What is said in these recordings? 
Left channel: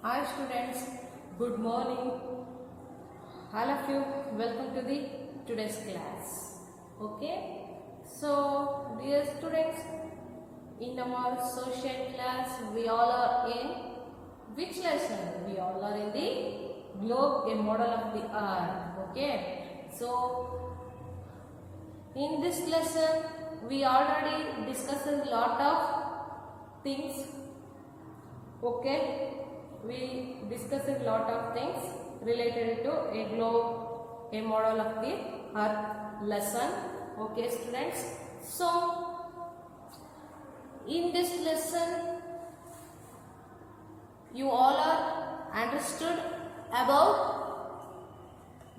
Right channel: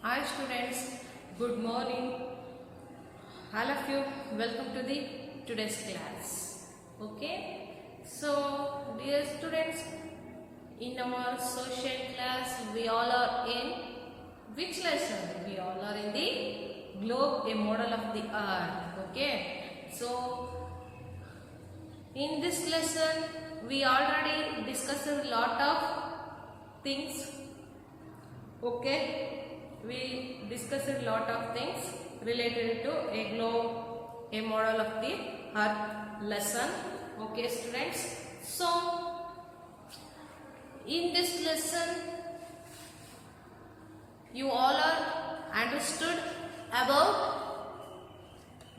Hi students, good morning. All of you, welcome to the today's class. Okay, so dear students, in our social class, we all are in which lesson? We all are in the globe, a model of the earth. Okay, so in this lesson, we already discussed a lot of things. Okay, we discussed a lot of things related to a globe, a model of the earth lesson. Okay students, so in this lesson you all are understood about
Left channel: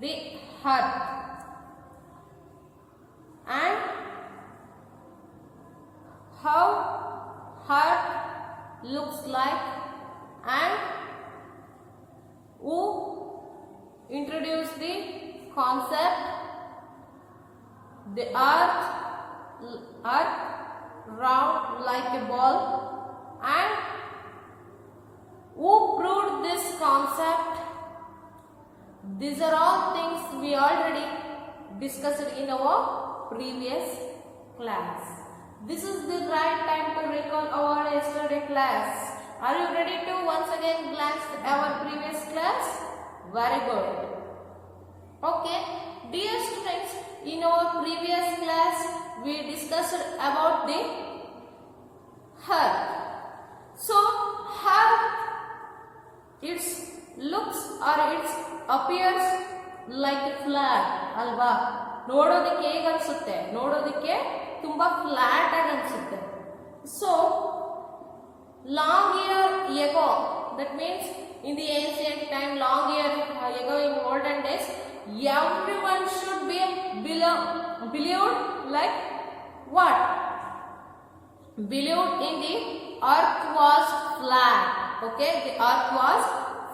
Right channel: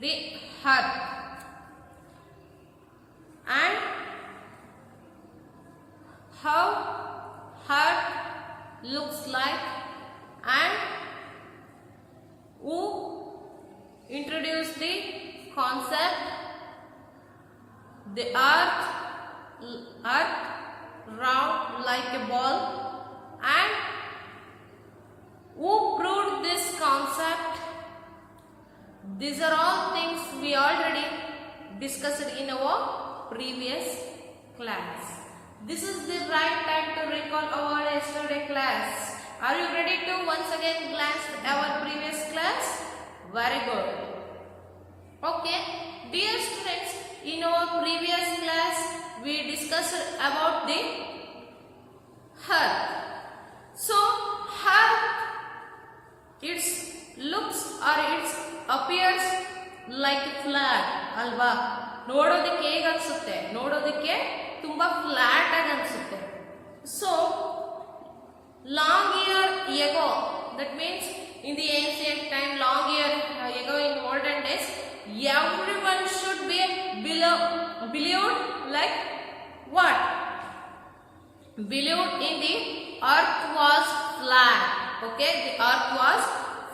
the earth and how earth looks like and who introduced the concept the earth round like a ball and who proved this concept. These are all things we already discussed in our previous class. This is the right time to recall our yesterday class. Are you ready to once again glance our previous class? Very good. Okay, dear students, in our previous class we discussed about the earth. So earth, its looks or its appears like a flat, alva. ನೋಡೋದಕ್ಕೆ ಹೇಗೆ ಅನ್ಸುತ್ತೆ, ನೋಡೋದಕ್ಕೆ ತುಂಬಾ flat ಆಗಿ ಅನ್ಸುತ್ತೆ. So long year ago, that means in the ancient time, long year ago in olden days, everyone should be believed like what? Believed in the earth was flat. Okay, the earth was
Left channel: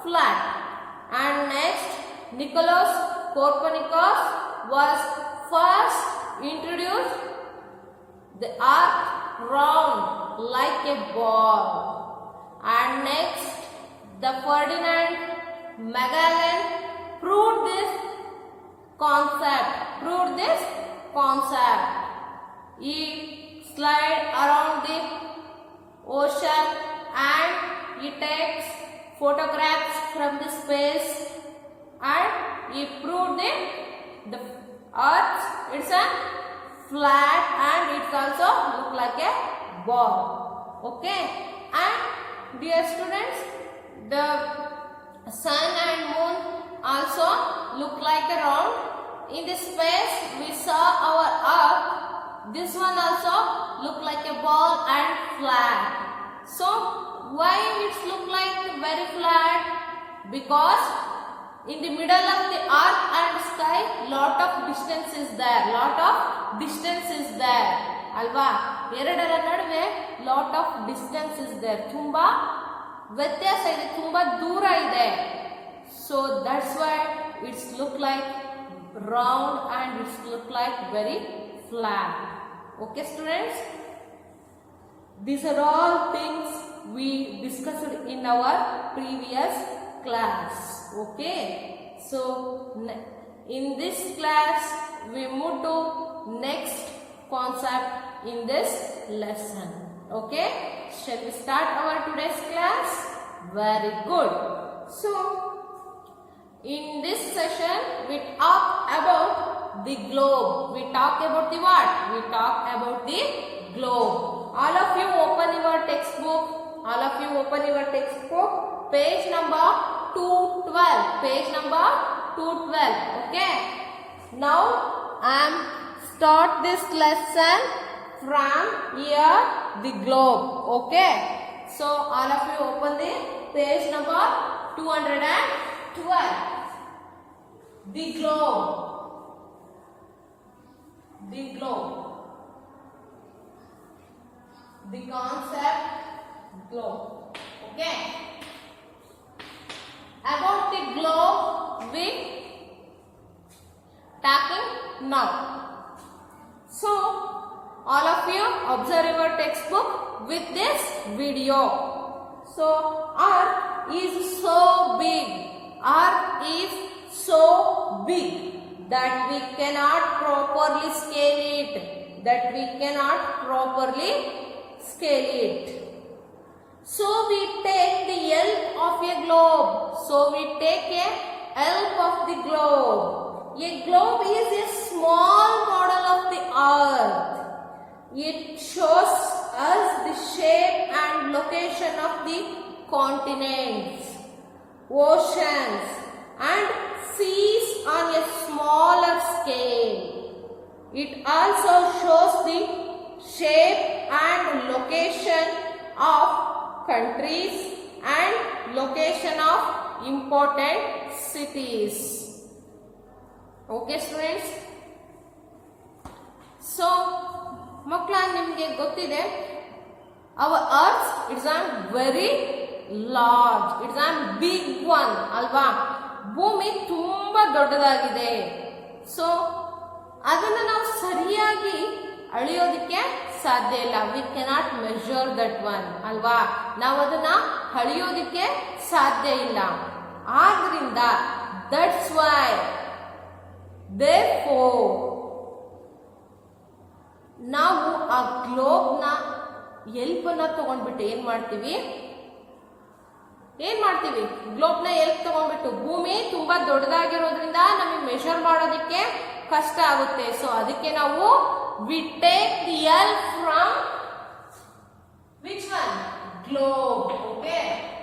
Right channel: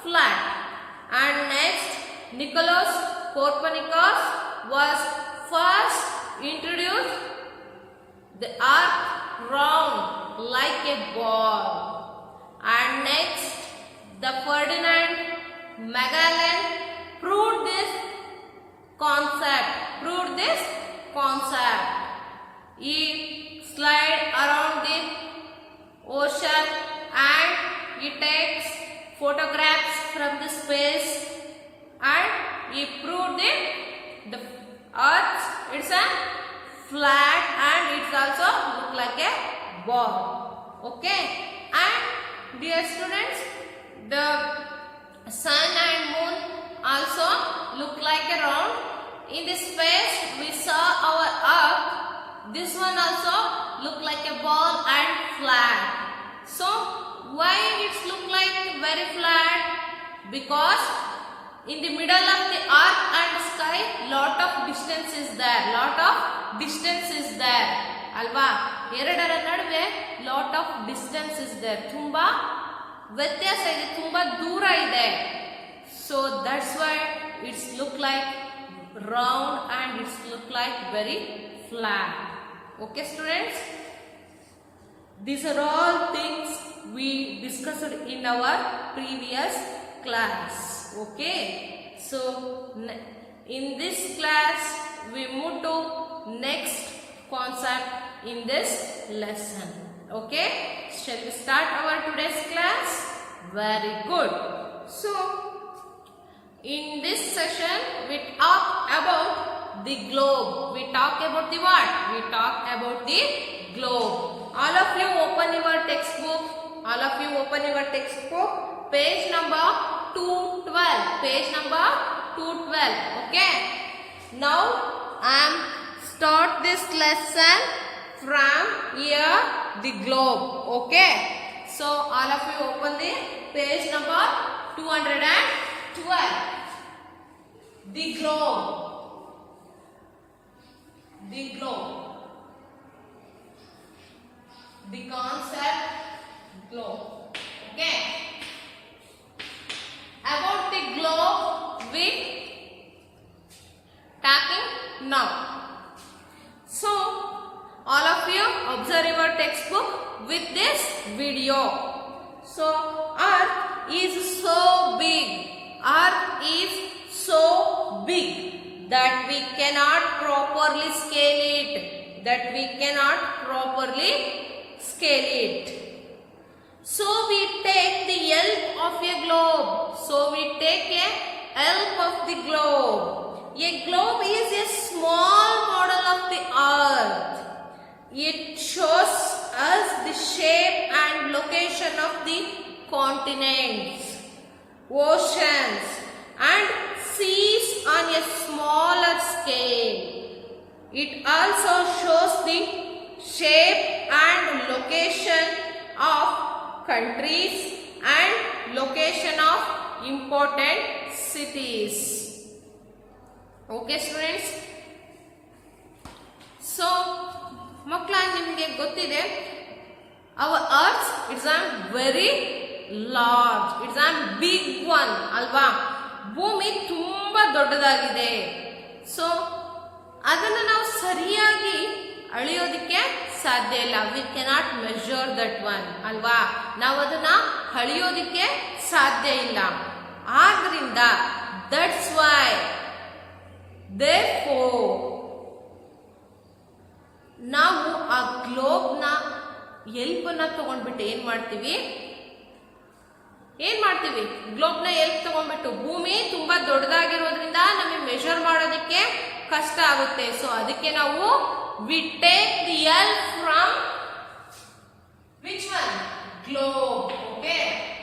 flat. And next, Nicholas Copernicus was first introduced the earth round like a ball. And next, the Ferdinand Magellan proved this concept. He slide around the ocean and he takes photographs from the space and he proved the earth it's a flat and it's also look like a ball. Okay, and dear students, the sun and moon also look like a round. In this space we saw our earth, this one also look like a ball and flat. So why it's look like very flat? Because in the middle of the earth and sky lot of distance is there, alva. ಎರಡರ ನಡುವೆ lot of distance is there, ತುಂಬಾ ವ್ಯತ್ಯಾಸ ಇದೆ, ತುಂಬಾ ದೂರ ಇದೆ. So that's why it's look like round and it's look like very flat. Okay students, these are all things we discussed in our previous class. Okay, so in this class we move to next concept in this lesson. Okay, shall we start our today's class? Very good. So in this session we talk about the globe. We talk about the what? We talk about the globe. All of you open your textbook. Page number 212. Page number 212. Okay, now I am start this lesson from here, the globe. Okay, so all of you open the page number 212. The globe. The concept globe. Okay, about the globe we talking now. So all of you observe your textbook with this video. So earth is so big. Earth is so big that we cannot properly scale it. That we cannot properly scale it. So we take the help of a globe. So we take a help of the globe. A globe is a small model of the earth. It shows us the shape and location of the continents, oceans and seas on a smaller scale. It also shows the shape and location of countries and location of important cities. Okay students, so ಮಕ್ಕಳ ನಿಮಗೆ ಗೊತ್ತಿದೆ our earth it's a very large, it's a big one ಅಲ್ವಾ. ಭೂಮಿ ತುಂಬಾ ದೊಡ್ಡದಾಗಿದೆ. So ಅದನ್ನು ನಾವು ಸರಿಯಾಗಿ ಅಳೆಯೋದಕ್ಕೆ ಸಾಧ್ಯ ಇಲ್ಲ. We cannot measure that one ಅಲ್ವಾ. ನಾವು ಅದನ್ನ ಅಳೆಯೋದಕ್ಕೆ ಸಾಧ್ಯ ಇಲ್ಲ. ಆದ್ರಿಂದ ದಟ್ಸ್ ವೈ therefore ನಾವು ಆ ಗ್ಲೋಬ್ನ ಹೆಲ್ಪನ್ನ ತಗೊಂಡ್ಬಿಟ್ಟು ಏನ್ ಮಾಡ್ತೀವಿ, ಗ್ಲೋಬ್ನ ಹೆಲ್ಪ್ ತಗೊಂಡ್ಬಿಟ್ಟು ಭೂಮಿ ತುಂಬಾ ದೊಡ್ಡದಾಗಿರೋದ್ರಿಂದ ನಮಗೆ ಮೆಷರ್ ಮಾಡೋದಕ್ಕೆ ಕಷ್ಟ ಆಗುತ್ತೆ. ಸೊ ಅದಕ್ಕೆ ನಾವು we take the help from which one, globe. Okay,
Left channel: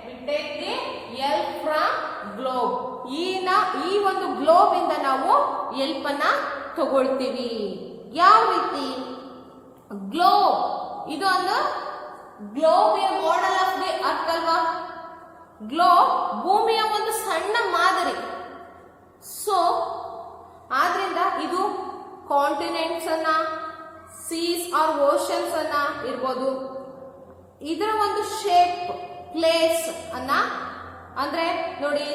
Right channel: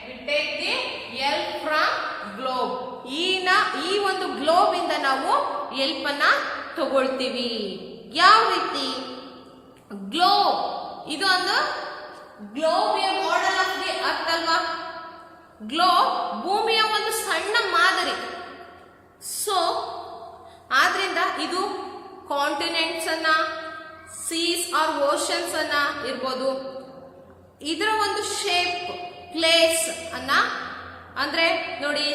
we take the help from globe. ಈ ಒಂದು ಗ್ಲೋಬ್ ಇಂದ ನಾವು ಹೆಲ್ಪ್ ಅನ್ನ ತಗೊಳ್ತೀವಿ. ಯಾವ ರೀತಿ? ಗ್ಲೋಬ್ ಇದು ಒಂದು globe A model of the earth ಅಲ್ವಾ. ಗ್ಲೋಬ್ ಭೂಮಿಯ ಒಂದು ಸಣ್ಣ ಮಾದರಿ. ಸೊ ಆದ್ರಿಂದ ಇದು ಕಾಂಟಿನೆಂಟ್ಸ್ ಅನ್ನ, ಸೀಸ್ ಆರ್ ಓಷನ್ಸ್ ಅನ್ನ ಇರ್ಬೋದು, ಇದರ ಒಂದು ಶೇಪ್, ಪ್ಲೇಸ್ ಅನ್ನ, ಅಂದ್ರೆ ನೋಡಿ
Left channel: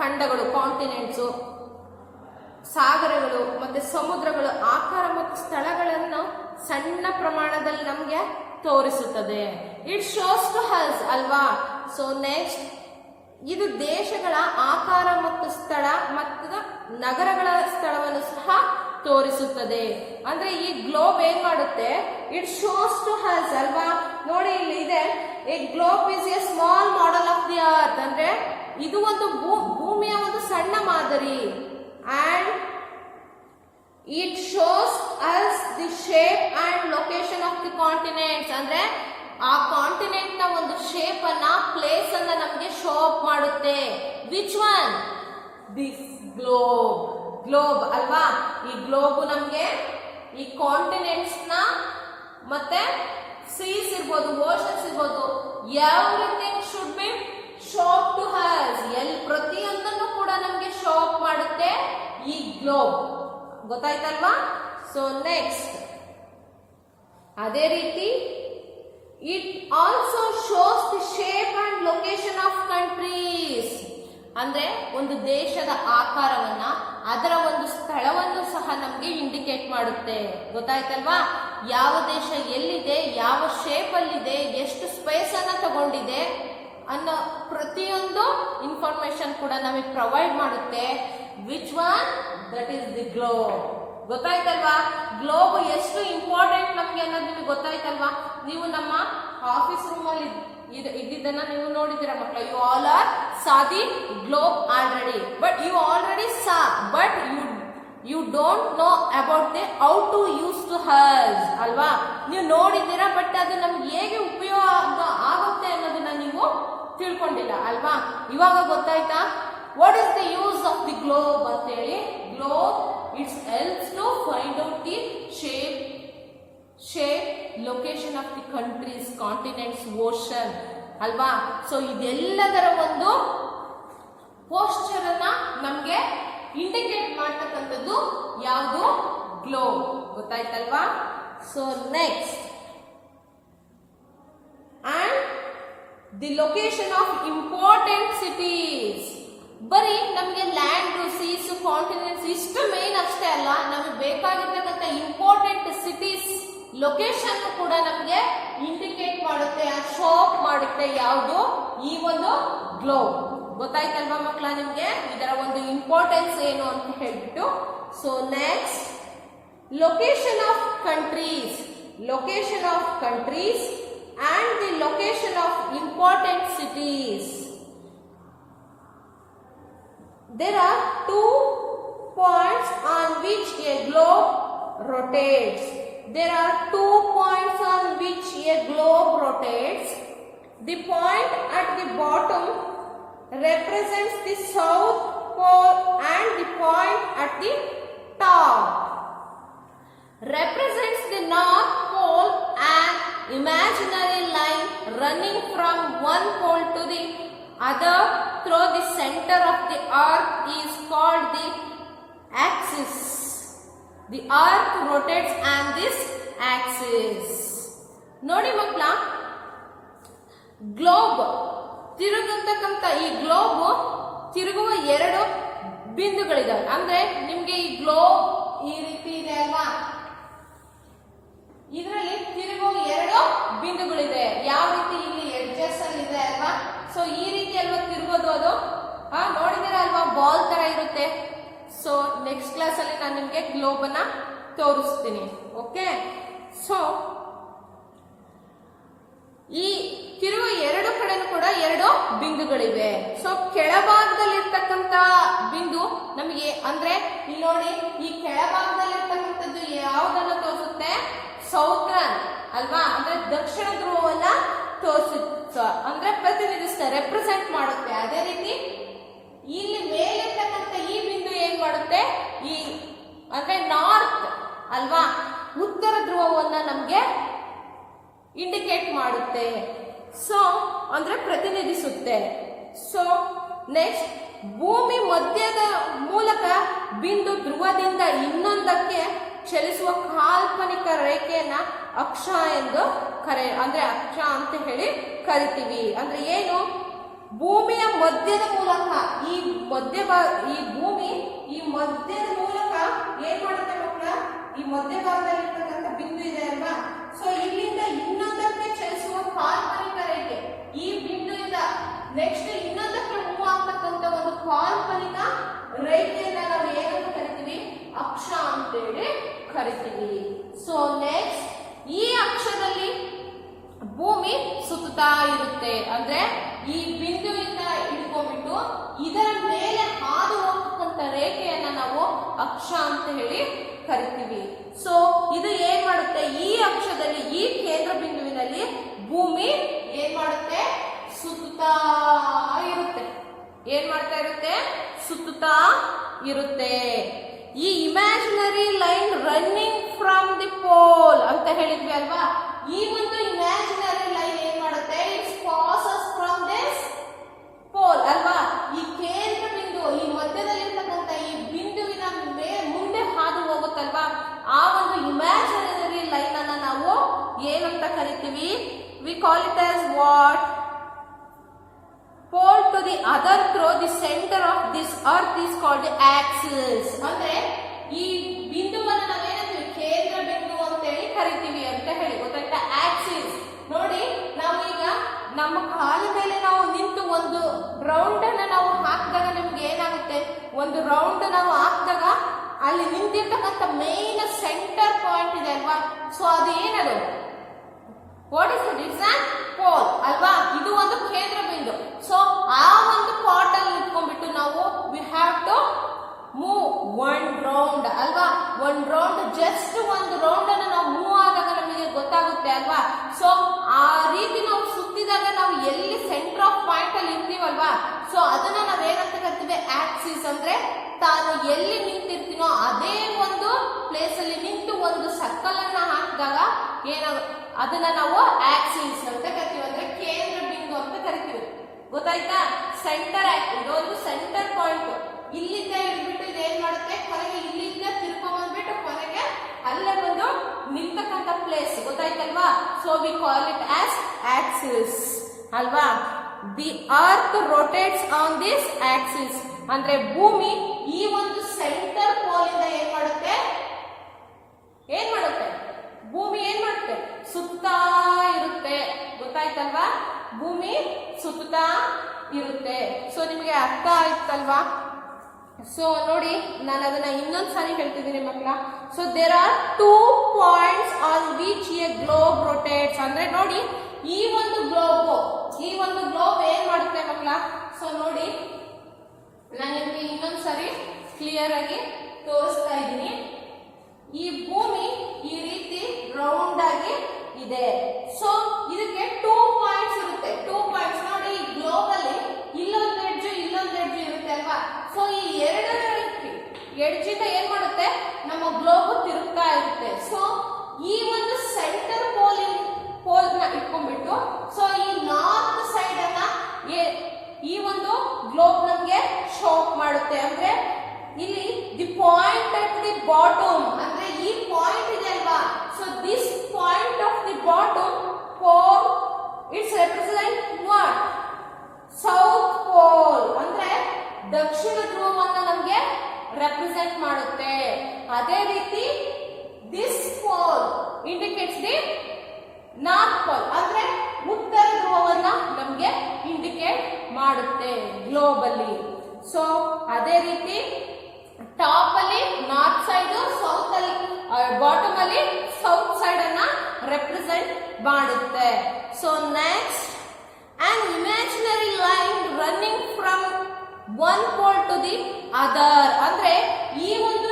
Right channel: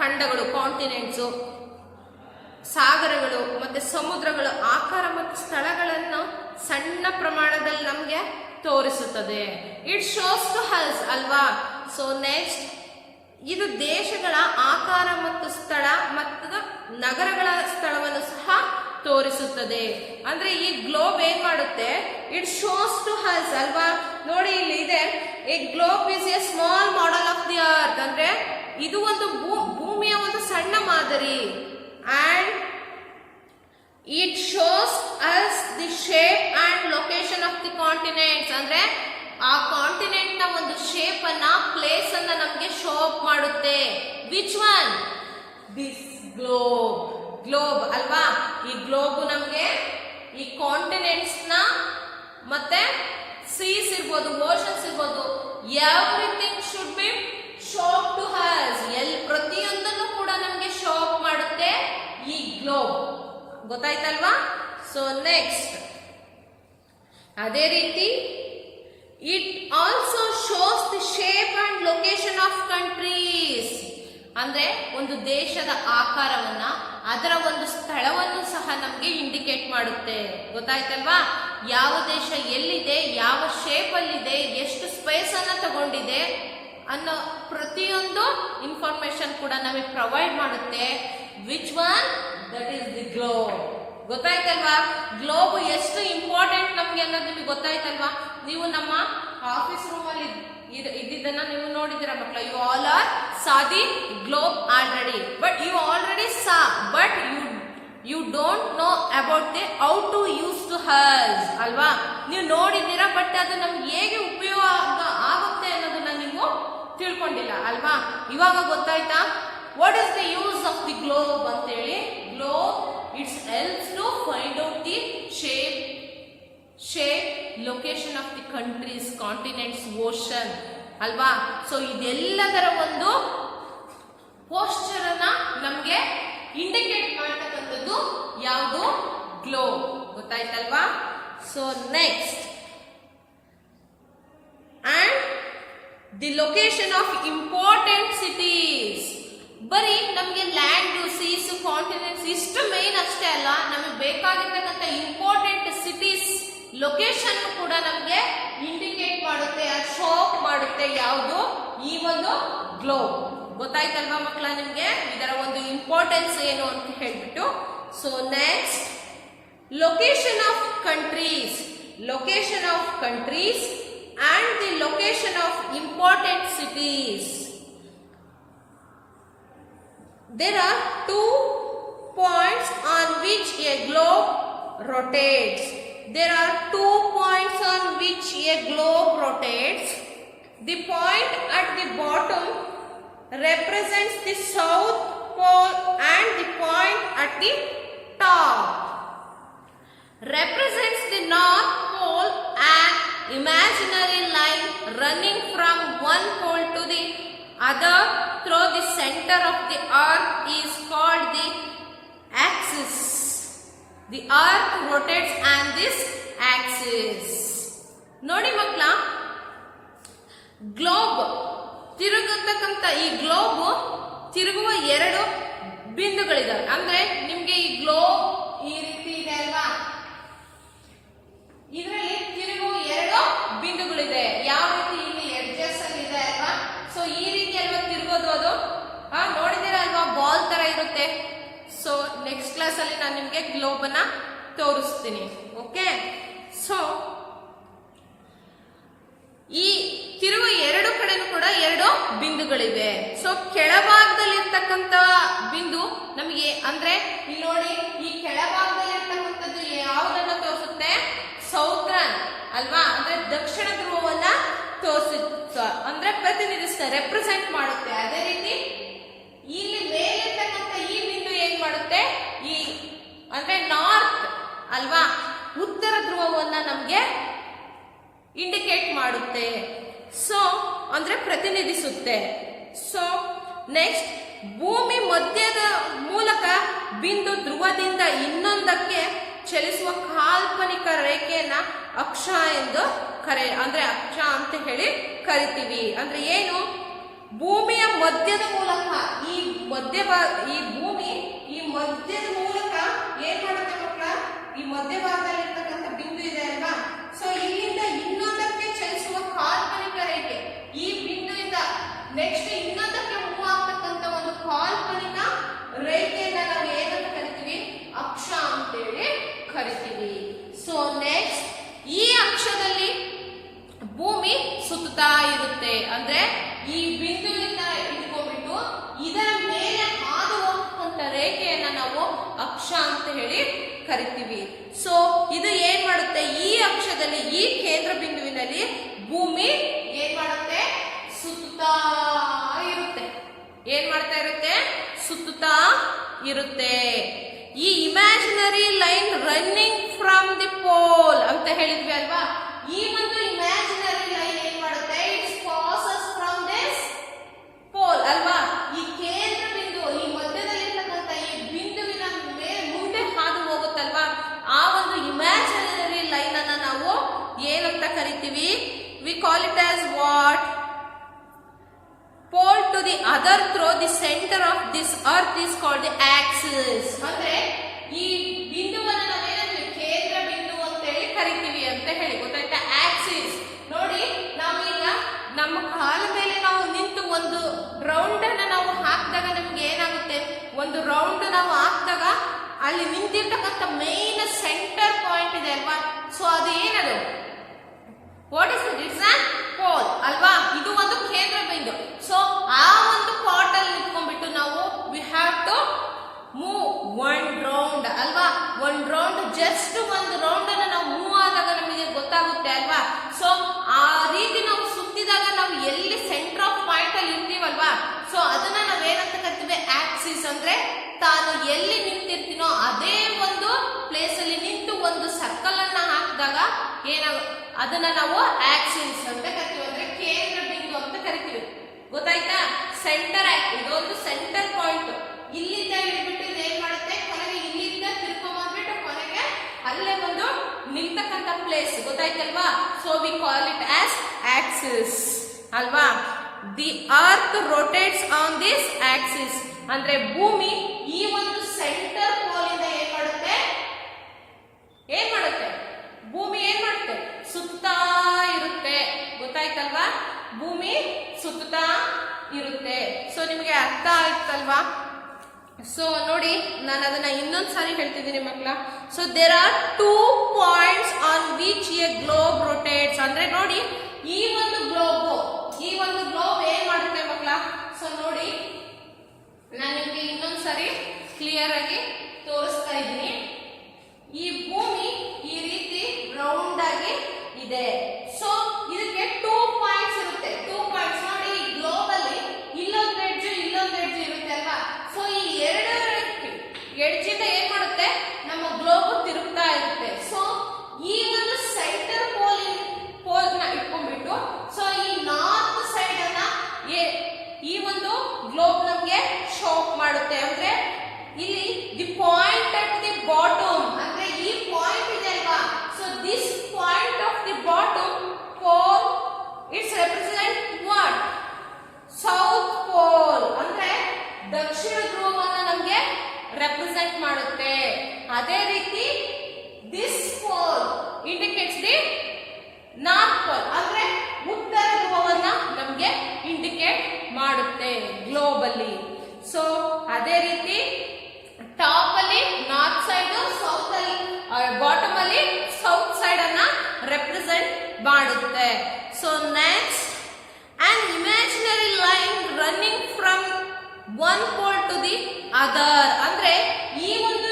ಖಂಡಗಳು, ಕಾಂಟಿನೆಂಟ್ಸ್, ಸಾಗರಗಳು ಮತ್ತೆ ಸಮುದ್ರಗಳ ಆಕಾರ ಮತ್ತು ಸ್ಥಳಗಳನ್ನು ಸಣ್ಣ ಪ್ರಮಾಣದಲ್ಲಿ ನಮಗೆ ತೋರಿಸುತ್ತದೆ. ಇಟ್ ಶೋಸ್ ಟು ಹಸ್ ಅಲ್ವಾ. ಸೊ ನೆಕ್ಸ್ಟ್, ಇದು ದೇಶಗಳ ಆಕಾರ ಮತ್ತು ಸ್ಥಳ ಮತ್ತು ನಗರಗಳ ಸ್ಥಳವನ್ನು ಸಹ ತೋರಿಸುತ್ತದೆ. ಅಂದ್ರೆ ಈ ಗ್ಲೋಬ್ ಏನ್ ಮಾಡುತ್ತೆ, ಇಟ್ ಶೋಸ್ ಟು ಹಸ್ ಅಲ್ವಾ. ನೋಡಿ ಇಲ್ಲಿ ಇದೆ, A globe is A small model of the earth. ಅಂದ್ರೆ ಇದು ಒಂದು ಭೂಮಿಯ ಒಂದು ಸಣ್ಣ ಮಾದರಿ. And it shows us the shape and location of the continents. ಅಂದ್ರೆ ಆ ಕಾಂಟಿನೆಂಟ್ ನ ಒಂದು ಶೇಪ್ ಅನ್ನ, ಪ್ಲೇಸ್ ಅನ್ನ ನಮಗೆ ಶೋ ಅಪ್ ಮಾಡುತ್ತೆ. Which one? This globe. Globe ಅಲ್ವಾ. ಈ ಗ್ಲೋಬ್ ನಮಗೆ ಈ ಕಾಂಟಿನೆಂಟ್ಸ್ ನ ಮತ್ತೆ ಸೀಸ್ ಇರ್ಬೋದು, ಓಷನ್ಸ್ ಇರ್ಬೋದು, everything should be show up to us. ಪ್ರತಿಯೊಂದನ್ನು ಕೂಡ ನಮಗೆ ಶೋ ಅಪ್ ಮಾಡುತ್ತೆ ಈ ಗ್ಲೋಬ್. ಗೊತ್ತಾಯ್ತಲ್ವಾ. ಸೊ ನೆಕ್ಸ್ಟ್, ಅದೇ ರೀತಿ it also shows the shape and location of countries. ಅಂದ್ರೆ ಒಂದು ದೇಶದ ಆಕಾರವನ್ನ, ಅದರ ಒಂದು ಸ್ಥಳವನ್ನು ಸಹ ನಮಗೆ ಇಂಡಿಕೇಟ್ ಮಾಡುತ್ತೆ. ಗೊತ್ತಾಯ್ತಲ್ವಾ. ಯಾವ ದೇಶ ಎಲ್ಲಿದೆ, ಯಾವ ಶೇಪ್ ಅಲ್ಲಿದೆ, ಎಷ್ಟು ಸ್ಪೇಸ್ ಅನ್ನ ತಗೊಂಡಿದೆ ಅನ್ನೋ ಪ್ರತಿಯೊಂದು ಇನ್ಫಾರ್ಮೇಶನ್ ಕೂಡ ನಮಗೆ ಪ್ರೊವೈಡ್ ಮಾಡುತ್ತೆ. Which one? That is the globe. ಗೊತ್ತಾಯ್ತಲ್ವಾ. ಗ್ಲೋಬ್ ಎಷ್ಟು ಇಂಪಾರ್ಟೆಂಟ್ ನಮ್ಗೆ ಅನ್ನೋದು ನಿಮಗೆ ಗೊತ್ತಾಯ್ತಲ್ವಾ. ನೀವು ನಮ್ಮ ಆಫೀಸ್ ರೂಮ್ ಅಲ್ಲಿ ಇದ್ದಿದ್ದನ್ನ ನೀವು ನೋಡಿದಿರ ಮಕ್ಕಳ. You all are saw the globe already, but you already saw, but you don't know about the how to use to us ಅಲ್ವಾ. ನೀವು ನೋಡಿದ್ದೀರಾ, ಬಟ್ ಅದು ನಮ್ಗೆ ಹೇಗೆ ಉಪಯೋಗ ಆಗುತ್ತೆ ಅನ್ನೋದನ್ನ ನೀವು ತಿಳ್ಕೊಂಡಿಲ್ಲ ಅಲ್ವಾ. ಇವಾಗ ಗೊತ್ತಾಯ್ತಾ what is the use of the globe ಅಂತ ಹೇಳಿ. Globe it's helps to find out the shape, location of the countries, continents, ocean ಅಲ್ವಾ. ಸೊ ಇದೆಲ್ಲದರ ಒಂದು ಪೋಸ್ಚರ್ ಅನ್ನ ನಮ್ಗೆ ಇಂಡಿಕೇಟ್ ಮಾಡ್ತಕ್ಕಂಥದ್ದು ಯಾವುದು? ಗ್ಲೋಬ್. ಗೊತ್ತಾಯ್ತಲ್ವಾ. So next, and the location of important cities. ಬರೀ ನಮಗೆ ಲ್ಯಾಂಡ್, ಸೀಸ್, ಕಾಂಟಿನೆಂಟ್ಸ್ ಇಷ್ಟು ಮೇನ್ ಅಷ್ಟೇ ಅಲ್ಲ, ನಮಗೆ ಬೇಕಾಗಿರ್ತಕ್ಕಂಥ ಇಂಪಾರ್ಟೆಂಟ್ ಸಿಟೀಸ್ ಲೊಕೇಶನ್ ಕೂಡ ನಮಗೆ ಇಂಡಿಕೇಟ್ ಮಾಡುತ್ತೆ, ಶೋ ಅಪ್ ಮಾಡುತ್ತೆ. ಯಾವುದು? ಈ ಒಂದು ಗ್ಲೋಬ್. ಗೊತ್ತಾಯ್ತಲ್ವಾ ಮಕ್ಕಳ ನಿಮ್ಗೆ ಇದರ ಒಂದು ಇಂಪಾರ್ಟೆನ್ಸ್ ಏನು ಅಂತ ಹೇಳ್ಬಿಟ್ಟು. So next, location of countries and the location of important cities. There are 2 points on which a globe rotates. There are 2 points on which a globe rotates. The point at the bottom represents the south pole and the point at the top represents the north pole. An imaginary line running from one pole to the other through the center of the earth is called the axis. The earth rotates on this axis. ನೋಡಿ ಮಕ್ಕಳ, globe ತಿರುಗತಕ್ಕಂಥ ಈ globe ತಿರುಗುವ 2 ಬಿಂದುಗಳಿದಾವೆ. ಅಂದ್ರೆ ನಿಮ್ಗೆ ಈ globe ಈ ರೀತಿ ಇದೆ ಅಲ್ವಾ, ಇದರಲ್ಲಿ ತಿರುಗುವ 2 ಬಿಂದುಗಳಿದೆ. ಯಾವ ರೀತಿ ಇಲ್ಲಿ ಎಡ್ಜಸ್ ಅಲ್ಲಿ ಇದೆ ಅಲ್ವಾ. ಸೊ ಈ ರೀತಿ ಅಲ್ವಾ ತಿರುಗೋದು, ಅದು ನೋಡಿದಿರ ಅಲ್ವಾ, ಬಾಲ್ ತರ ಇರುತ್ತೆ. ಸೊ ನೆಕ್ಸ್ಟ್ ಕ್ಲಾಸ್ ಅಲ್ಲಿ ನಾನು ನಿಮ್ಗೆ ಗ್ಲೋಬ್ ಅನ್ನ ತೋರಿಸ್ತೀನಿ. ಓಕೆ, ಸೊ ಈ ತಿರುವ 2 ಕಡೆನೂ ಕೂಡ 2 ಬಿಂದುಗಳಿವೆ. ಸೊ ಕೆಳಭಾಗದಲ್ಲಿ ಇರ್ತಕ್ಕಂತ ಬಿಂದು ನಮಗೆ ಅಂದ್ರೆ ಇಲ್ಲಿ ನೋಡಿ, ಈ ಕೆಳಭಾಗದಲ್ಲಿ ಇರ್ತಕ್ಕಂಥದ್ದು ಯಾವುದನ್ನ ತೋರಿಸುತ್ತೆ? ಸೌತ್ರನ್ ಅಲ್ವಾ, ಅಂದ್ರೆ ದಕ್ಷಿಣ ಧ್ರುವವನ್ನ ಅಂದ್ರೆ ಪ್ರತಿನಿಧಿಸುತ್ತೆ, ರೆಪ್ರೆಸೆಂಟ್ ಮಾಡುತ್ತೆ. ಅದೇ ರೀತಿ ಇಲ್ಲಿ ಮೇಲಿರ್ತಕ್ಕಂಥ ಈ ಬಿಂದು ಏನ್ ಮಾಡುತ್ತೆ? ಈ ಅಂದ್ರೆ ನಾರ್ತ್ ಅಲ್ವಾ, ಉತ್ತರ ಧ್ರುವವನ್ನ ನಮ್ಗೆ ಇಂಡಿಕೇಟ್ ಮಾಡುತ್ತೆ. ಸೊ ಅಂದ್ರೆ ಪ್ರತಿನಿಧಿಸುತ್ತೆ. ಸೊ ನೆಕ್ಸ್ಟ್, ಭೂಮಿ ಮಧ್ಯದ ಮೂಲಕ ಬಿಂದು ಧ್ರುವದಿಂದ ಇನ್ನೊಂದಕ್ಕೆ ಚಲಿಸುವ ಕಾಲ್ಪನಿಕ ರೇಖೆಯನ್ನ ಅಕ್ಷ ಎಂದು ಅಂದ್ರೆ ಅಕ್ಷ ಅಂತ ಹೇಳಿ ಕರಿತೀವಿ. ಅಂದ್ರೆ ಏನು? ಭೂಮಿಯ ಮಧ್ಯದ ಮೂಲಕ ಈ ಭೂಮಿ ಈ ಮಧ್ಯದ ಮೂಲಕ ಏನ್ ಮಾಡುತ್ತೆ ಮಕ್ಕಳ? ಈ ಮಧ್ಯಭಾಗದಲ್ಲಿ ಇರ್ತಕ್ಕಂಥ ಬಿಂದು ಇದೆ ಅಲ್ವಾ, ಸೊ ಇಲ್ಲಿಂದ ಇನ್ನೊಂದಕ್ಕೆ ಚಲಿಸುವ ಕಾಲ್ಪನಿಕ ರೇಖೆ, ಈ ಬಿಂದುವಿಂದ ನೆಕ್ಸ್ಟ್ ಇನ್ನೊಂದಕ್ಕೆ ಮೂವ್ ಆಗ್ತಕ್ಕಂಥ ಒಂದು ಕಾಲ್ಪನಿಕ ರೇಖೆಯನ್ನ ನಾವು ಏನಂತ ಕರಿತೀವಿ? ಅಕ್ಷ ಅಂತೇಳಿ ಕರಿತೀವಿ. ಸೊ ನೆಕ್ಸ್ಟ್, ಈ ಅಕ್ಷದಲ್ಲಿ ಭೂಮಿ ಸುತ್ತುತ್ತಾ ಇರುತ್ತೆ. ಅಂದ್ರೆ ಈ ಬಿಂದುವಿಂದ ಇಟ್ಕೊಂಡ್ಬಿಟ್ಟು ಇದರ ಮೇಲೆ ಹಾದು ಹೋಗ್ತಕ್ಕಂಥ ರೇಖೆಯನ್ನ ನಾವು ಅಕ್ಷ ಅಂತ ಹೇಳಿ ಕರಿತೀವಿ. ಸೊ ಇದು ಏನ್ ಮಾಡುತ್ತೆ? ಈ ಅಕ್ಷದಲ್ಲಿ ಈ ಕೇಂದ್ರ ಬಿಂದುವಿನಲ್ಲಿ ಭೂಮಿ ಏನ್ ಮಾಡುತ್ತೆ? ಸುತ್ತುತ್ತಾ ಇರುತ್ತೆ. ಏನ್ ಮಾಡ್ತಾ ಇರುತ್ತೆ? ಸುತ್ತುತ್ತಾ ಇರುತ್ತೆ. ಈ imaginary line running from the pole ಅಂತ ಹೇಳಿದ್ವಿ ಅಲ್ವಾ. ಈ ಒಂದು ಇಮ್ಯಾಜಿನರಿ ಲೈನ್ ಏನ್ ಮಾಡುತ್ತೆ? It's passes from this pole ಅಲ್ವಾ. ಈ ಕೇಂದ್ರ ಬಿಂದು ಈ ಮಧ್ಯದಲ್ಲಿರ್ತಕ್ಕಂಥ ಈ ಬಿಂದುವಿನ ಮುಂದೆ ಹಾದು ಹೋಗುತ್ತಲ್ವಾ, ಆ ಒಂದು ಇಮ್ಯಾಜಿನರಿ ಲೈನ್ ಅನ್ನ ನಾವು ಏನಂತ ಕರಿತೀವಿ? V call it as what? pole to the other through the center of this earth is called the axis. ಅಂದ್ರೆ ಈ ಬಿಂದುವನ್ನು ನಾವೇನಂತೀವಿ? ಕೇಂದ್ರ ಬಿಂದು ಅಂತ ಹೇಳಿ ಕರಿತೀವಿ ಅಂತ ಹೇಳಿ, ಗೊತ್ತಾಯ್ತಾ? ಆಕ್ಸಿಸ್. ನೋಡಿ, ನಾವು ಈಗ ನಮ್ಮ ಕಾಲ ಮೇಲೆ ನಾವು ನಿಂತು ಒಂದು ರೌಂಡ್ ಅನ್ನ ನಾವು ಹಾಕಿದಾಗ ನಮ್ಗೆ ಏನಾಗುತ್ತೆ? ಒಂದು ರೌಂಡ್ ನಾವು ಹಾಕಿದಾಗ ಅಲ್ಲಿ ನಿಂತಿರ್ತಕ್ಕಂಥ ಮೇನ್ ಸೆಂಟರ್ ಪಾಯಿಂಟ್ ಇದೆ ಅಲ್ವಾ, ಸೊ ಅದು ಏನದು? What is it? It's on pole ಅಲ್ವಾ. ಇದು ಒಂದು ಕೇಂದ್ರ ಬಿಂದು. ಸೊ ಆ ಒಂದು ಪಾಟ್ ಅಲ್ಲಿ ನಿಂತ್ಕೊಂಡ್ಬಿಟ್ಟು ನಾವು we have to move 1 round ಅಲ್ವಾ. 1 ರೌಂಡ್, ಜಸ್ಟ್ 1 ರೌಂಡ್ ಅನ್ನ ನಾವು ಮೂವ್ ಆದಾಗ ನಮಗೆ ಗೊತ್ತಾಗುತ್ತೆ ಅಲ್ವಾ. ಸೊ ಆ ರೀತಿ ನಾವು ಸುತ್ತಿದಾಗ ನಾವು ಎಲ್ಲಿ ಸೆಂಟರ್ ಆಫ್ ಪಾಯಿಂಟ್ ಅಲ್ಲಿ ಇರ್ತೀವಲ್ವಾ, ಸೊ ಅದನ್ನ ನಾವೇನಂತ ಕರಿತೀವಿ? ಆಕ್ಸಿಸ್. ಅಂದ್ರೆ ತಾನು ಎಲ್ಲಿ ನಿಂತಿರ್ತೀನೋ ಅದೇ ಒಂದು ಪ್ಲೇಸ್ ಅಲ್ಲಿ ನಿಂತು ಒಂದು ಸರ್ಕಲ್ ಅನ್ನ ಹಾಕಿದಾಗ ಅದನ್ನ ನಾವು ಆಕ್ಸಿಸ್ ಅಂತ ಕರಿತೀವಿ. ಅಂದ್ರೆ ಕೇಂದ್ರ ಬಿಂದು ಅಂತ ಕರಿತೀವಿ. ಗೊತ್ತಾಯ್ತಾ? ಸೆಂಟರ್ ಇದೊಂದು ಸೆಂಟರ್ ಪಾಯಿಂಟ್. ಇಲ್ಲಿಂದ ಹಿಡಿದ್ಬಿಟ್ಟು ಇದೇನ್ ಮಾಡುತ್ತೆ? ಕೊನೆಗೆ ಇಲ್ಲಿಂದ ತಿರ್ಕೊಂಡ್ಬಿಟ್ಟು ಕೊನೆಗೆ ಅಲ್ಲೇ ಒಂದು ನಿಲ್ತಕ್ಕಂಥ ಪ್ಲೇಸ್. ಗೊತ್ತಾಯ್ತಲ್ವಾ? So we call it as axis ಅಲ್ವಾ. The earth rotates on this axis. ಅಂದ್ರೆ ಭೂಮಿ ಈ ಒಂದು ಸೆಂಟರ್ ಪೋಲ್ ಇಂದ ಏನ್ ಮಾಡುತ್ತೆ? ಭೂಮಿ ಏನ್ ಮಾಡುತ್ತೆ? ಸುತ್ತಾ ಇರುತ್ತೆ. ಗೊತ್ತಾಯ್ತಲ್ವಾ? ಭೂಮಿ ಸುತ್ತಾ ಇರುತ್ತೆ. ಸೊ ನಿಮಗೆ ಅರ್ಥ ಆಯ್ತಲ್ವಾ? ಸೊ ನೋಡಿ, ನಾನು ಅದನ್ನ ಇನ್ನೊಂದು ಸಾರಿ ಹೇಳ್ತಿದ್ದೀನಿ ಮಕ್ಕಳ. So there are 2 points on which a globe rotates. ಅಂದ್ರೆ ನೋಡಿ, ಈ ಒಂದು ಗ್ಲೋಬ್ ಏನ್ ಮಾಡುತ್ತೆ ಮಕ್ಕಳ? ಸೊ ನೋಡಿ, ನಾನು ನಿಮಗೆ ಇನ್ನೊಂದು ಸಾರಿ ಕ್ಲಿಯರ್ ಆಗಿ ತೋರಿಸ್ತಾ ಇದ್ದೀನಿ. ಈ ಭೂಮಿ ಈ ರೀತಿ ರೌಂಡ್ ಆಗಿ ಇದೆ. ಸೊ ಇದಕ್ಕೆ 2 ಪಾಯಿಂಟ್ಸ್ ಇರುತ್ತೆ. 2 ಪಾಯಿಂಟ್ಸ್ ನೋಡಿ, ಈ ಗ್ಲೋಬ್ ಅಲ್ಲಿ ಇಲ್ಲೊಂದು ಎಡ್ಜ್ ಇರುತ್ತೆ ಅಲ್ವಾ? ಸೊ ಈ ಎರಡು ಎಡ್ಜಿಂದ ಏನ್ ಮಾಡುತ್ತೆ, ನಮ್ಮ ಗ್ಲೋಬ್ ತಿರುಗ್ತಾ ಇರುತ್ತೆ. ಸೊ ಈ ಒಂದು ಸೆಂಟರ್ ಪೋಲ್ ನ ಇಟ್ಕೊಂಡ್ಬಿಟ್ಟು, ಸೊ ಈ ನಾರ್ತ್ ಸೈಡ್ ಅನ್ನ ಈ ಒಂದು ಗ್ಲೋಬ್ ನಮ್ಗೆ ಶೋ ಮಾಡುತ್ತೆ. ಅಂದ್ರೆ ಇಲ್ಲಿ the point at the bottom, ಅಂದ್ರೆ ಈ ಪಾಯಿಂಟ್ ಇದೆ ಅಲ್ವಾ? So this point of the bottom pole it's represent what? South pole, ಅಂದ್ರೆ ದಕ್ಷಿಣ ಧ್ರುವವನ್ನ ನಮಗೆ ರೆಪ್ರೆಸೆಂಟ್ ಮಾಡುತ್ತೆ. ಅದೇ ರೀತಿ this pole indicates the north pole, ಅಂದ್ರೆ ಉತ್ತರ ಧ್ರುವವನ್ನ ನಮಗೆ ಇಂಡಿಕೇಟ್ ಮಾಡುತ್ತೆ ಗ್ಲೋಬ್ ಅಲ್ಲಿ. ಸೊ ಅದೇ ರೀತಿ ಟಾಪ್ ಅಲ್ಲಿ ನಾರ್ತ್ ಸೈಡ್, ಸೌತ್ ಅಲ್ಲಿ ಬಾಟಮ್ ಅಲ್ಲಿ ಸೌತ್ ಸೈಡ್ ಅನ್ನ ರೆಪ್ರೆಸೆಂಟ್ ಮಾಡುತ್ತೆ. So next, an imaginary line running from one pole to the other. ಅಂದ್ರೆ ಈ ಒಂದು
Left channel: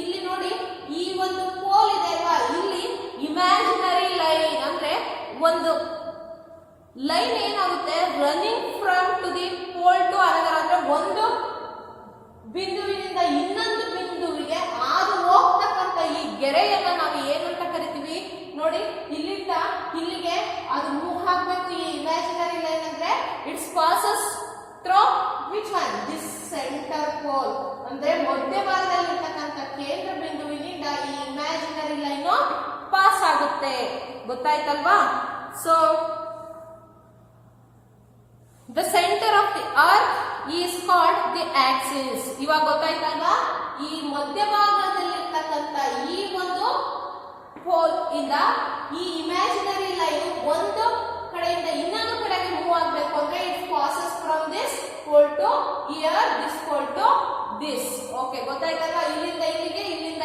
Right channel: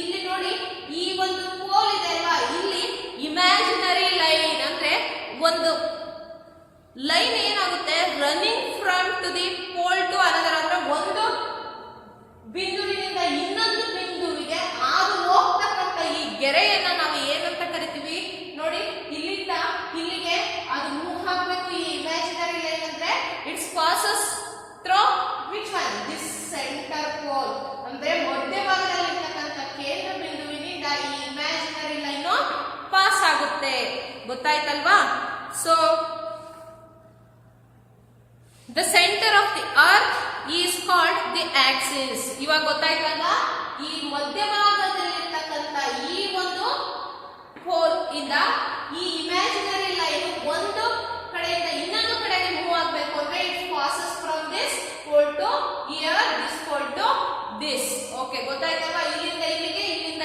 ಇಲ್ಲಿ ನೋಡಿ, ಈ ಒಂದು ಪೋಲ್ ಇದೆ ಅಲ್ವಾ? ಇಲ್ಲಿ ಇಮ್ಯಾಜಿನರಿ ಲೈನ್ ಅಂದ್ರೆ ಒಂದು ಲೈನ್ ಏನಾಗುತ್ತೆ, running from to the pole to another, ಅಂದ್ರೆ ಒಂದು ಬಿಂದುವಿನಿಂದ ಇನ್ನೊಂದು ಬಿಂದುವಿಗೆ ಹಾದು ಹೋಗ್ತಕ್ಕಂಥ ಈ ಗೆರೆಯನ್ನ ನಾವು ಏನಂತ ಕರಿತೀವಿ ನೋಡಿ? ಇಲ್ಲಿಂದ ಇಲ್ಲಿಗೆ ಅದು ಮೂವ್ ಆಗಬೇಕು. ಈ ಇಮ್ಯಾಜಿನರಿ ಲೈನ್ ಅಂದ್ರೆ it's passes through which one? This centre pole, ಅಂದ್ರೆ ಮಧ್ಯಭಾಗದಲ್ಲಿ ಇರ್ತಕ್ಕಂಥ ಕೇಂದ್ರ ಬಿಂದುವಿನಿಂದ ಈ ಇಮ್ಯಾಜಿನರಿ ಲೈನ್ ಪಾಸ್ ಆಗುತ್ತೆ. ಗೊತ್ತಾಯ್ತಲ್ವಾ? So the center of the earth is called the axis. ಇವಾಗ ಗೊತ್ತಾಯ್ತಲ್ವಾ? ಈ ಮಧ್ಯಭಾಗದಲ್ಲಿರ್ತಕ್ಕಂಥ ಈ ಒಂದು ಪೋಲ್ ಇಂದ ಈ ಇಮ್ಯಾಜಿನರಿ ಲೈನ್ ಒಂದು ಕಡೆಯಿಂದ ಇನ್ನೊಂದು ಕಡೆಗೆ ಮೂವ್ ಆಗಬೇಕು ಅಂದ್ರೆ it passes from this pole to here, this pole to this. Okay, ಗೊತ್ತಾಯ್ತಲ್ವಾ? ಇಲ್ಲಿಂದ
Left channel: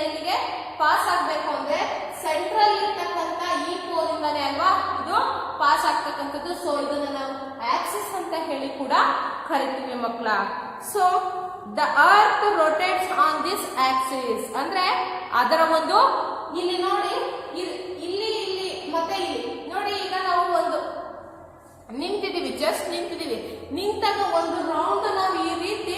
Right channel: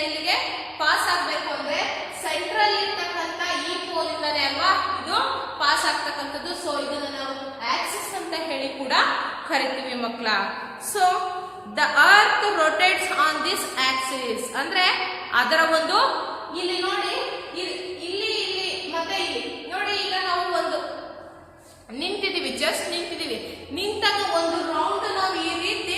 ಇಲ್ಲಿಗೆ ಪಾಸ್ ಆಗಬೇಕು ಅಂದ್ರೆ ಸೆಂಟ್ರಲ್ ಇರ್ತಕ್ಕಂಥ ಈ ಪೋಲ್ ಇಂದಾನೆ ಅಲ್ವಾ ಇದು ಪಾಸ್ ಆಗ್ತಕ್ಕಂಥದ್ದು. ಸೊ ಇದನ್ನ ನಾವು ಆಕ್ಸಿಸ್ ಅಂತ ಹೇಳಿ ಕೂಡ ಕರಿತೀವಿ ಮಕ್ಕಳ. So the earth rotates on this axis, ಅಂದ್ರೆ ಅದರ ಒಂದು ಇಲ್ಲಿ ನೋಡಿ, ಇಲ್ಲಿ ಮತ್ತೆ ಇಲ್ಲಿ ನೋಡಿ. ಈಗ ನಾವು ಒಂದು ನಿಂತಿದೀವಿ, ಜಸ್ಟ್ ನಿಂತಿದೀವಿ. ನಿಂತಾಗ ಒಂದು ರೌಂಡ್ ನಾವು ಈ ರೀತಿ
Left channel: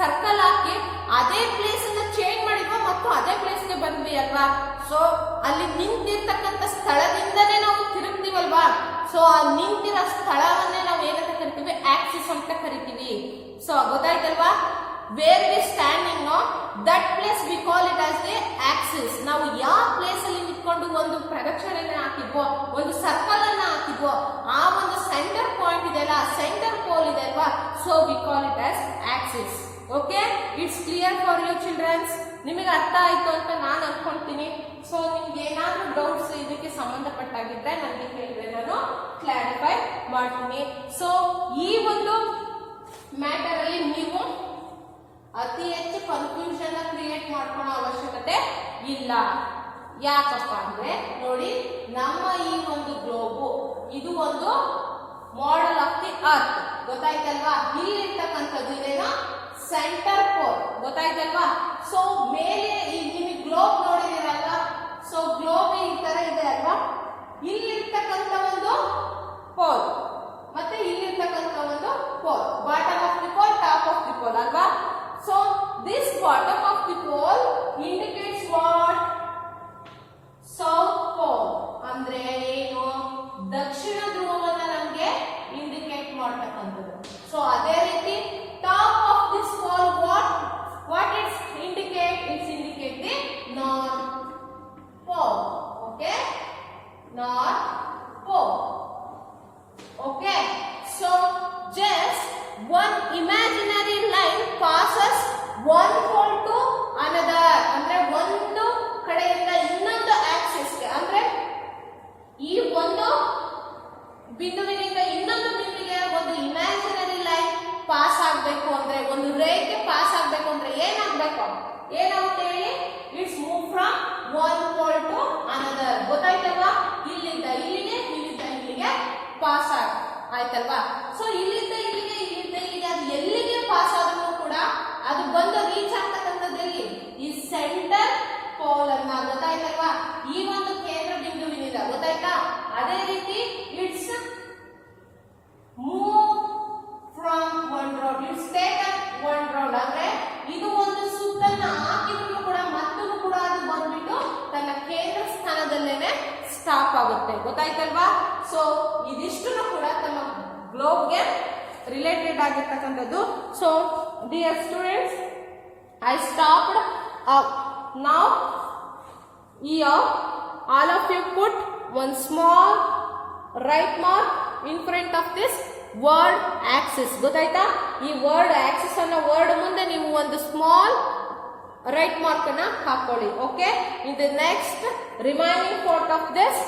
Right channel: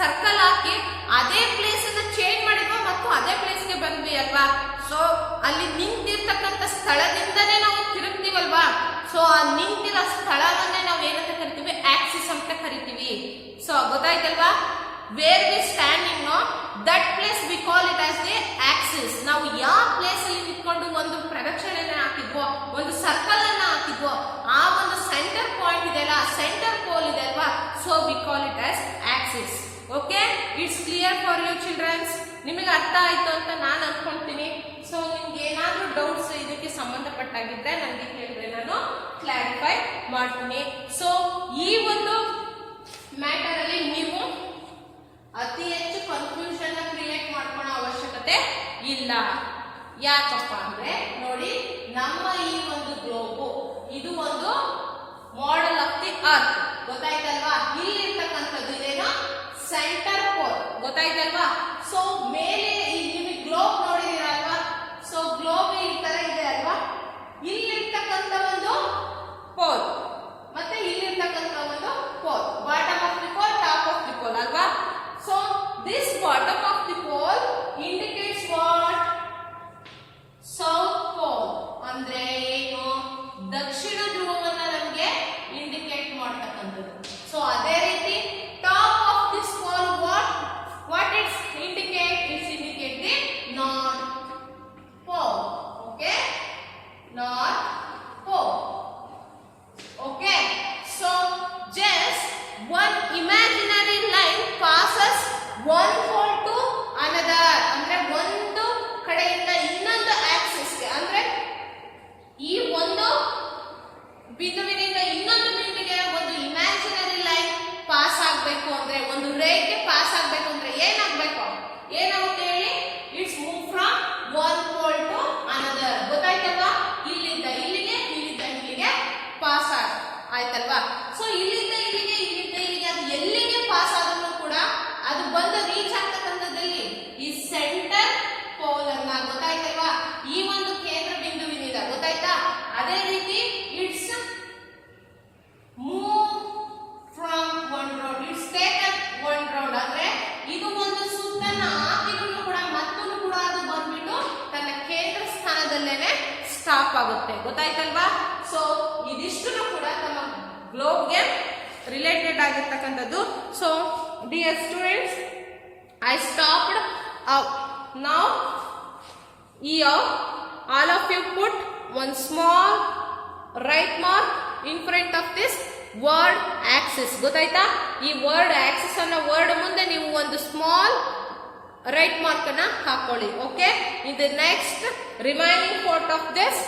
ಸರ್ಕಲ್ ಹಾಕಿ ಅದೇ ಪ್ಲೇಸ್ ಅನ್ನ ಚೇಂಜ್ ಮಾಡಿದ್ವಿ ಮತ್ತು ಅದೇ ಪ್ಲೇಸ್ಗೆ ಬಂದ್ವಿ ಅಲ್ವಾ? ಸೊ ಅಲ್ಲಿ ನಿಂತಿರ್ತಕ್ಕಂಥ ಸ್ಥಳದಿಂದನೇ ನಾವು ತಿರುಗ್ತೀವಲ್ವಾ? ಸೊ ಆ ನಿಂತಿರೋ ಸ್ಥಳವನ್ನೇ ನಾವು ಏನಂತ ಕರಿತೀವಿ? ಆಕ್ಸಿಸ್ ಅಂತ ಕರಿತೀವಿ. ಸೊ ಗೊತ್ತಾಯ್ತಲ್ವಾ? Where we standing that place we call it as the axis. ನಾವು ಯಾವ ಪ್ಲೇಸ್ ಅಲ್ಲಿ ನಿಂತ್ಕೊಂಡು ಒಂದು ಪ್ರದಕ್ಷಿಣೆನ ಹಾಕಿದ್ವೋ, ಒಂದು ಸರ್ಕಲ್ ಅನ್ನ ಹಾಕಿದ್ವೋ, ಆ ಒಂದು ಸೆಂಟರ್ ಪಾಯಿಂಟ್ ಇದೆ ಅಲ್ಲ, ಸೆಂಟರ್ ಪೋಲ್ ಇದೆ ಅಲ್ವಾ? So we call it as axis. Okay, it's clear for you childrens? ನಿಮಗೆ ಅರ್ಥ ಆಯ್ತು ಅಂತ ನಾನು ಅನ್ಕೊಂತೀನಿ. ಸೊ ನಿಮ್ಗೆ ಏನಾದ್ರೂ ಡೌಟ್ಸ್ ಇದಕ್ಕೆ ಸಂಬಂಧಪಟ್ಟಾಗಿದ್ದರೆ ನನಗೆ ಕೇಳಿದ್ರೆ ನಾನು ಕ್ಲಾರಿಫೈ ಮಾಡ್ತೀನಿ. ಸೊ ಈ ಒಂದು ಮ್ಯಾಟರ್ ಅಲ್ಲಿ ನೀವು ಅತಿ ಹೆಚ್ಚು ಕನ್ಫ್ಯೂಷನ್ ಕ್ರಿಯೇಟ್ ಮಾಡ್ಕೊಳ್ಳೋ ಅವಶ್ಯಕತೆ ಇಲ್ಲ. ಯಾಕಪ್ಪ ಅಂದ್ರೆ ನೋಡಿ, ನಮ್ಮ ಈ ಒಂದು ಗ್ಲೋಬು ಇದು ಒಂದು ಮಾಡೆಲ್ ಆಫ್ ದಿ ಅರ್ತ್. ಗೊತ್ತಾಯ್ತಲ್ವಾ? ಇಲ್ಲಿರ್ತಕ್ಕಂಥದ್ದು ಇದೇನೋ ಸೆಂಟರ್ ಪೋಲ್. ಗೊತ್ತಾಯ್ತಲ್ವಾ? ಸೊ ಮೇಲೆ ನಿಮಗೆ ಗ್ಲೋಬ್ ನೋಡಿದಿರಲ್ವಾ? ಸೊ ಗ್ಲೋಬ್ ಈ ತರ ಇದೆ ಅಲ್ವಾ? ಇಲ್ಲಿರ್ತಕ್ಕಂಥ ಒಂದು ಪೋಲ್ ಮತ್ತೆ ಇಲ್ಲಿರ್ತಕ್ಕಂಥ ಒಂದು pole, bottom of the pole, top of the pole ಅಲ್ವಾ? So this bottom of the pole indicates what? South pole. ಅಂದ್ರೆ ಏನು? ದಕ್ಷಿಣ ಧ್ರುವವನ್ನ ನಮಗೆ ಇಂಡಿಕೇಟ್ ಮಾಡತಕ್ಕಂಥದ್ದು. ಸೊ ಅದೇ ರೀತಿ top of this pole what it indicate? It indicate the north pole. Okay, north pole. Okay, so just one imaginary line passes one pole to another. ಅಂದ್ರೆ ಒಂದು ಕಡೆಯಿಂದ ಇನ್ನೊಂದು ಆಕ್ಸಿಸ್ ಗೆ, ಅಂದ್ರೆ ಈ ಒಂದು ಬಿಂದುವಿನಿಂದ ಇನ್ನೊಂದು ಬಿಂದುವಿಗೆ ಒಂದು ಇಮ್ಯಾಜಿನರಿ ಲೈನ್ ಒಂದು ರೇಖೆ ಪಾಸ್ ಆಗಬೇಕು ಅಂದ್ರೆ ಏನಾಗಬೇಕು? ಏನಾಗುತ್ತೆ ಹೇಳಿ? It's move from one pole to another. ಗೊತ್ತಾಯ್ತಲ್ವಾ? ಇಲ್ಲಿಂದ ಇಲ್ಲಿಗೆ, ಇಲ್ಲಿಂದ ಇಲ್ಲಿಗೆ ಪಾಸ್ ಆಯ್ತಲ್ವಾ? ಸೊ ಇಲ್ಲಿಂದ ಇಲ್ಲಿಗೆ, ಇಲ್ಲಿಂದ ಇಲ್ಲಿಗೆ ಅದು ಎಲ್ಲಿಗೆ ಪಾಸ್ ಆದ್ರೂ ಕೂಡ ಅದು ಬಂದು ರೀಚ್ ಆಗ್ತಕ್ಕಂಥದ್ದಲ್ಲಿ ಈ ಸೆಂಟರ್ ಪೋಲ್ ಅನ್ನ. ಗೊತ್ತಾಯ್ತಲ್ವಾ? ಈ ಒಂದು ಕೇಂದ್ರ ಬಿಂದುವಿನಿಂದ. ಗೊತ್ತಾಯ್ತಾ? ಅದೇ ರೀತಿ it's move from one round, it's taken one round ಅಂದ್ರೆ ಇದು ಒಂದು ಸುತ್ತನ್ನ ಹಾಕಿದ್ರು ಕೂಡ ಮತ್ತೂ ಕೂಡ ಅದು ಬಂದ್ಬಿಟ್ಟು ತನ್ನ ಕೇಂದ್ರ ಸ್ಥಾನದಲ್ಲೇನೆ ಸ್ಟಾಪ್ ಆಗುತ್ತೆ. ಗೊತ್ತಾಯ್ತಲ್ವಾ? ಸೊ ಇದಿಷ್ಟು ಕೂಡ ತಮ್ಮ ಗ್ಲೋಬ್ಗೆ ರಿಲೇಟೆಡ್ ಆಗಿರ್ತಕ್ಕಂಥದ್ದು. So dear students, I stopped up. Now here all of you put one small right mark in front of this word axis. ಗೊತ್ತಾಯ್ತಾ? ಈ ವರ್ಡ್ ಆಕ್ಸಿಸ್ ಅನ್ನೋ ವರ್ಡ್ ಮುಂದೆ ನೀವು ಒಂದು ಸ್ಮಾಲ್ ರೈಟ್ ಮಾರ್ಕ್ ಅನ್ನ ಹಾಕೊಳ್ಳಿ. Okay, in the next remaining part of this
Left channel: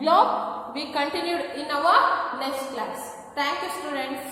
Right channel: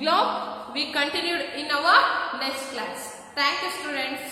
globe we continued in our next class. Thank you students.